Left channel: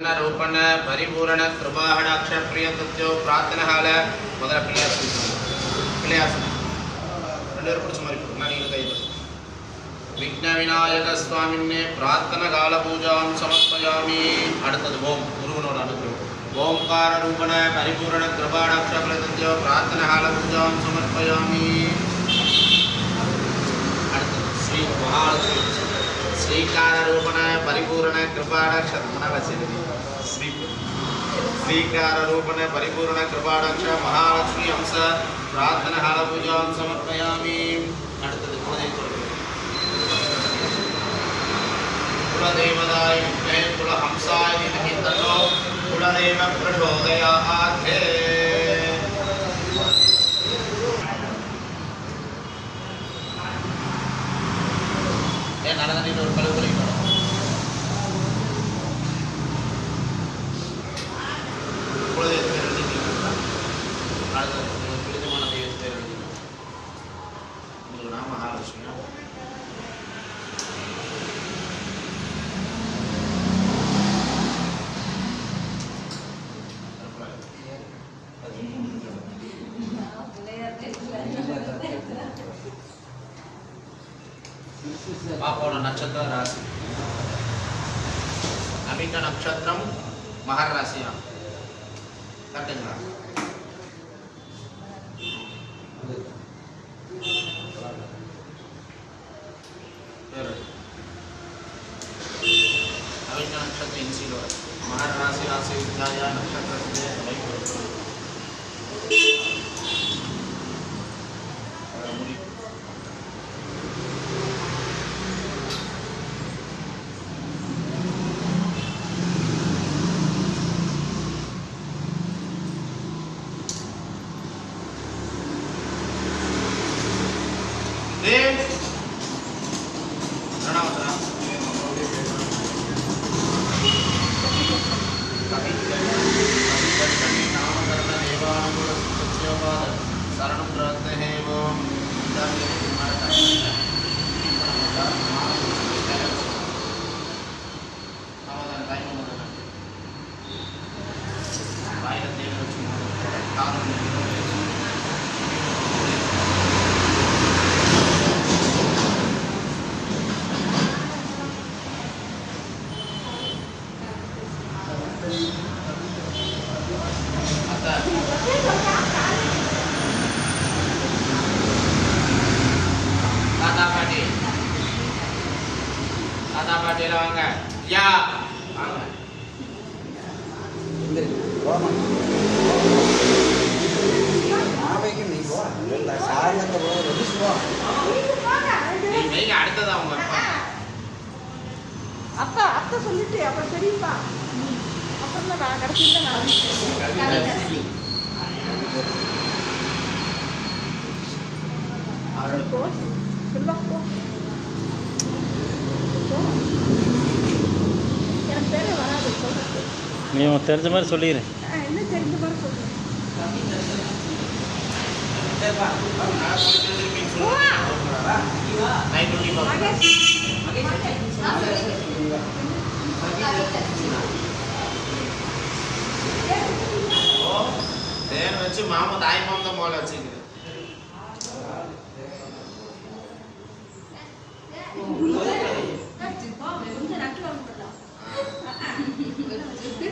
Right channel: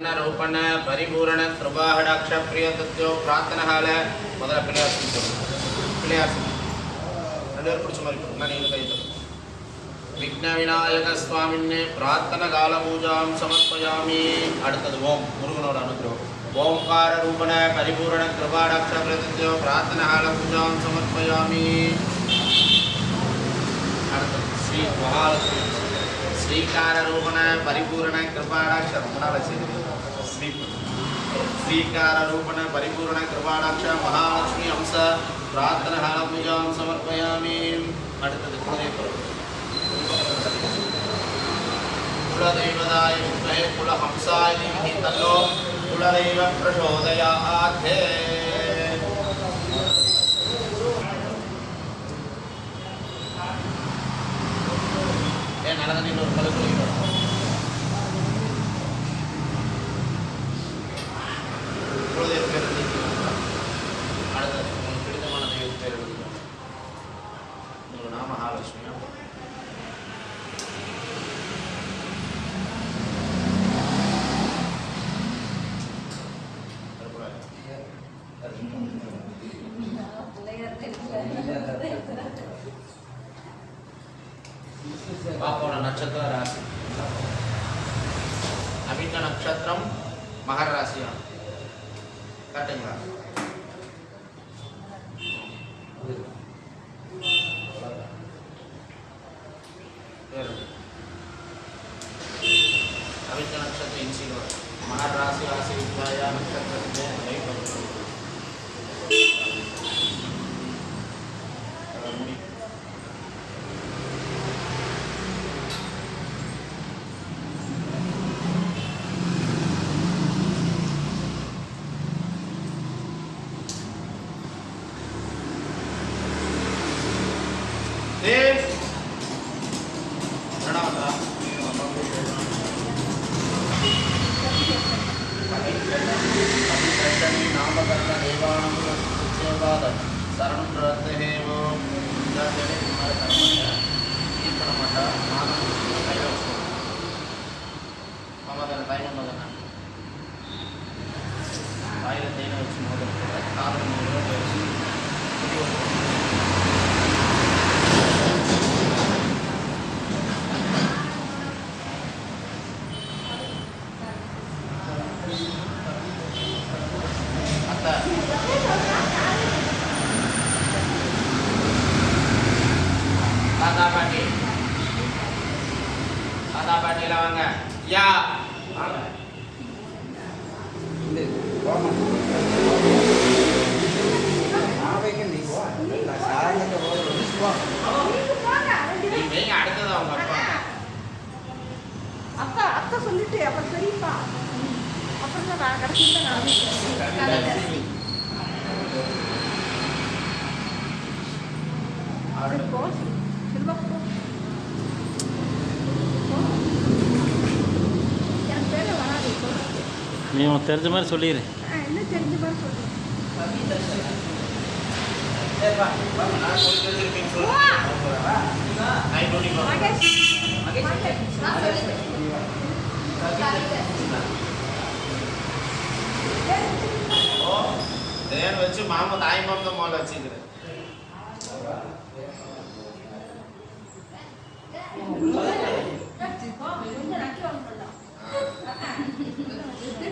रूपण परिपूर्ण कृपाहडाक्ष प्रिय तत्व प्रार्थना हाल முதல்ல பிள்ளையார் பிள்ளையார் ரெண்டு பேரும் பிடிச்ச மாதிரி கொடுங்க நான் நீங்க கையில் விக்ன விநாயக சுவாமின்னே பிரார்த்தன கால பூஜாம் சமர்ப்பயாமி அடுத்தது ஓம் முருகனோட அனுகிரகம் ஓம்கார ரூபண பரிபூரண கிருபாடாட்ச பிரத்யோ பிரார்த்தன கால பூஜாம் சமர்ப்பயாமி அடுத்தது ஸ்ரீ மகாலட்சுமி श्रीकार रूपण परिपूर्ण कृपाडाक्ष श्रीकार रूपण परिपूर्ण कृपाडाक्ष महालक्ष्मी अंश प्रार्थना हाल पूजा समर्पयामि कुलदेवदाय विद्महे कुलहंसाय धीमहि तन्नो कुलदेव प्रचोदयात् நடந்து ஒரு கழுவு கழிக்கணும் குலதெய்வ பேர் எழுதிக்கலாம் அடுத்தது உங்களுக்கு பிடித்தமான தெய்வ பேர் எழுதிக்கலாம் உங்களுக்கு நாம மகாலட்சுமியா पापों नक्षत्र राशि अभी का नक्षत्र मकर राशि कटेंगे अभी का नक्षत्र इंसी मकर राशि राशि विद्या नक्षत्र शरण प्रवृत्त है वो समाधान टाइम Kata Padilla வாங்க யா வாங்க இந்த போமா நாளைக்கு நீ போ இல்ல சாயங்க போற ரிஸ் போ நீ வெயிங்க அடுத்தது அவங்க அப்பா அத்தை சொல்லிட்டு அப்புறம் பெரியப்பா அப்புறம் நான் கடைசில நான் ஆறு போ செல்வா போ நீ தெரிஞ்ச மாதிரி சொல்லிடு என்ன தெரிஞ்ச மாதிரி சொல்றேன் வச்சு மாமா தாய் மாமா மோல வச்சுக்கிறேன்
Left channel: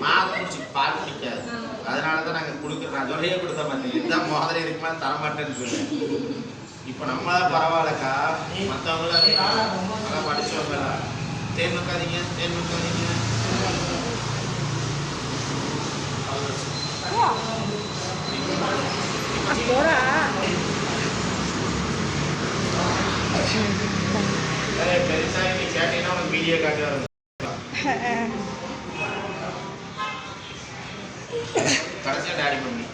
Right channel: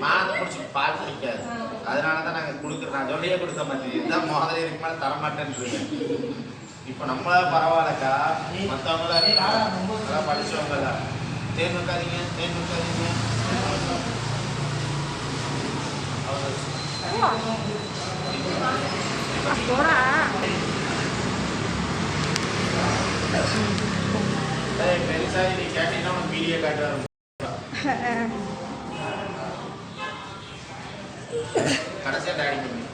மாங்க குடிச்சு பால் குடிக்காது அதனால தான் நாங்கள் கொடுக்குறோம் நான் சொல்லியே கொடுத்த மாட்டேன் இதுதான் முதல்ல இதுக்கு மேலே தரமாட்டேன்னு இப்போ நம்மளாம் பரவாயில்லக்கா மற்றவங்களாம் நல்லா படித்தவங்களா தேன் வைக்காதீங்க தேன் வைக்காதீங்க பெருசாக நீ கேட்டீங்கன்னா உனக்கு வீடியோ காட்டுவாங்க கடைசியா டாடி பண்ணி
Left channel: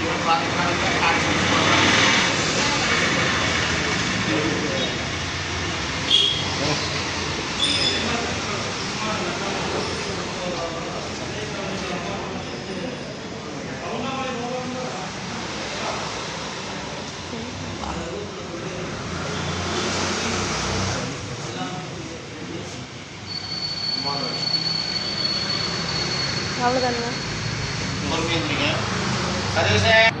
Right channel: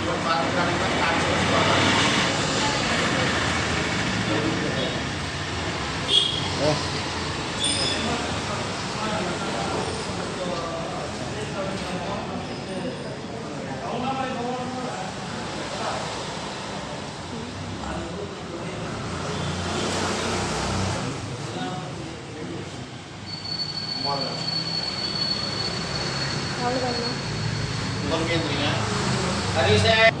இவன் பார்த்துக்கலாம் அவ்வளோதாங்க. உங்களுக்கு எழுந்திரிங்க. அது சார்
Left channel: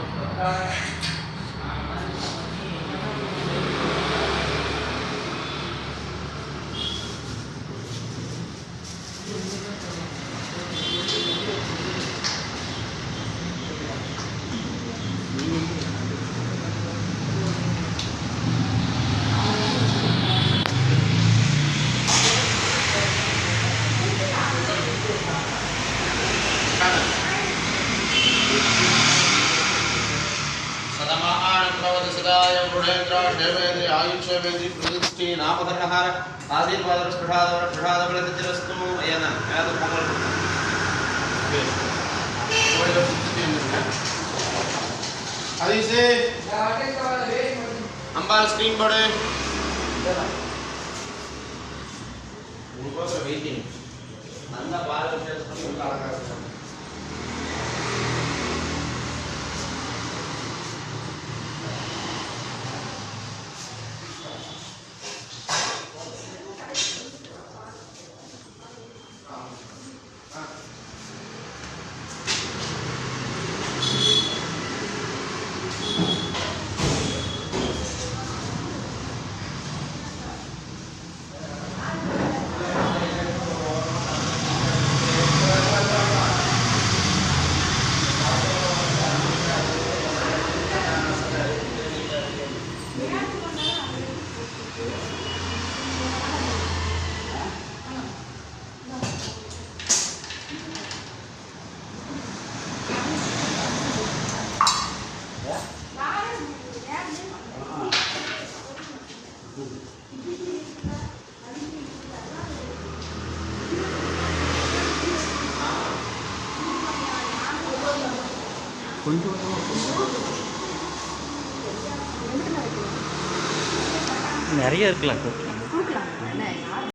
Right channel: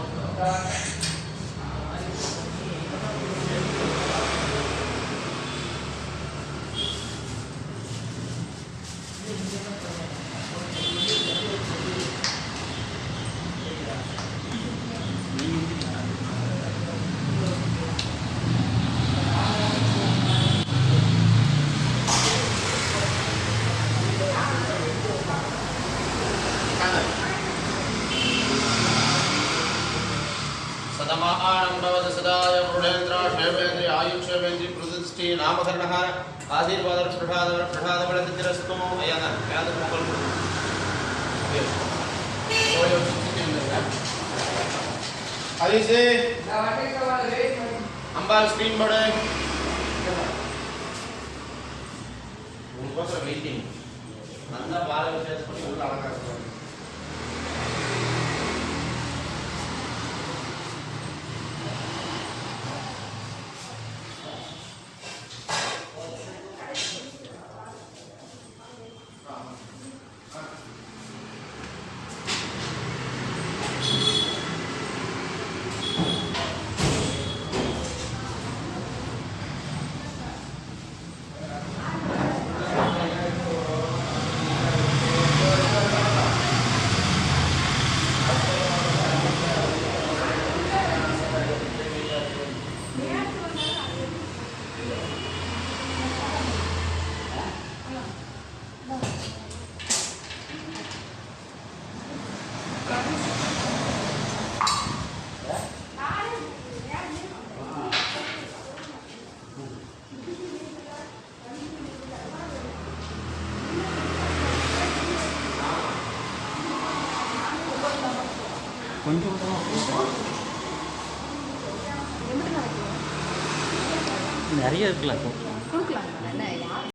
सदमानंदवद सदाय गुणेन्द्र देवेन्द्र आयुष्यवेन्द्र प्रदुष्टि नामकरणहार आशीर्वाद प्रसाद बलतिरस्तु अयन याद मंगल अभी से अंबाल स्क्रीन बड़े उनको वेटिंग अंदर बाल చేసుకొని ఉల్ల అలంకారం கொஞ்சம் நிறைய இருக்கலாம்.